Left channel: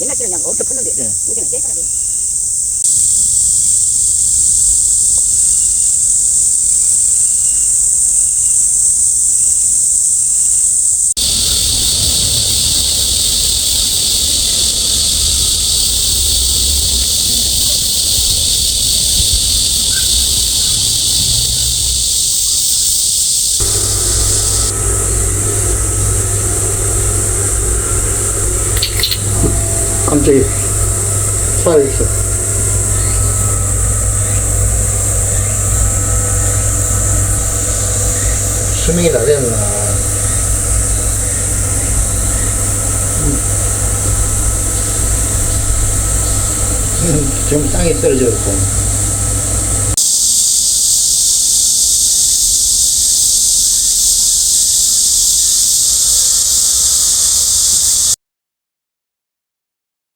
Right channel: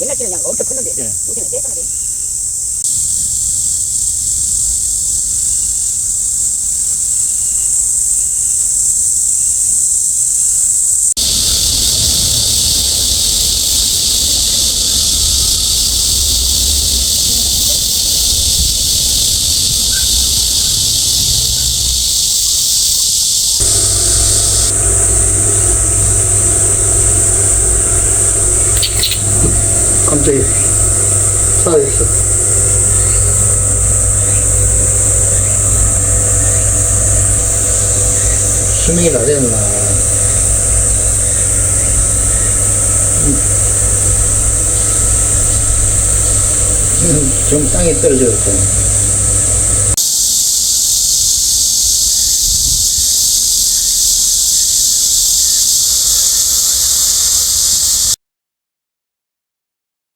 옛날 때는 그냥 엄청 컸는데 예. 요새는 떼잖아. 깜짝이야. 살아있어. 수명이 다 됐나. 좀 땅에 떨어져 있고.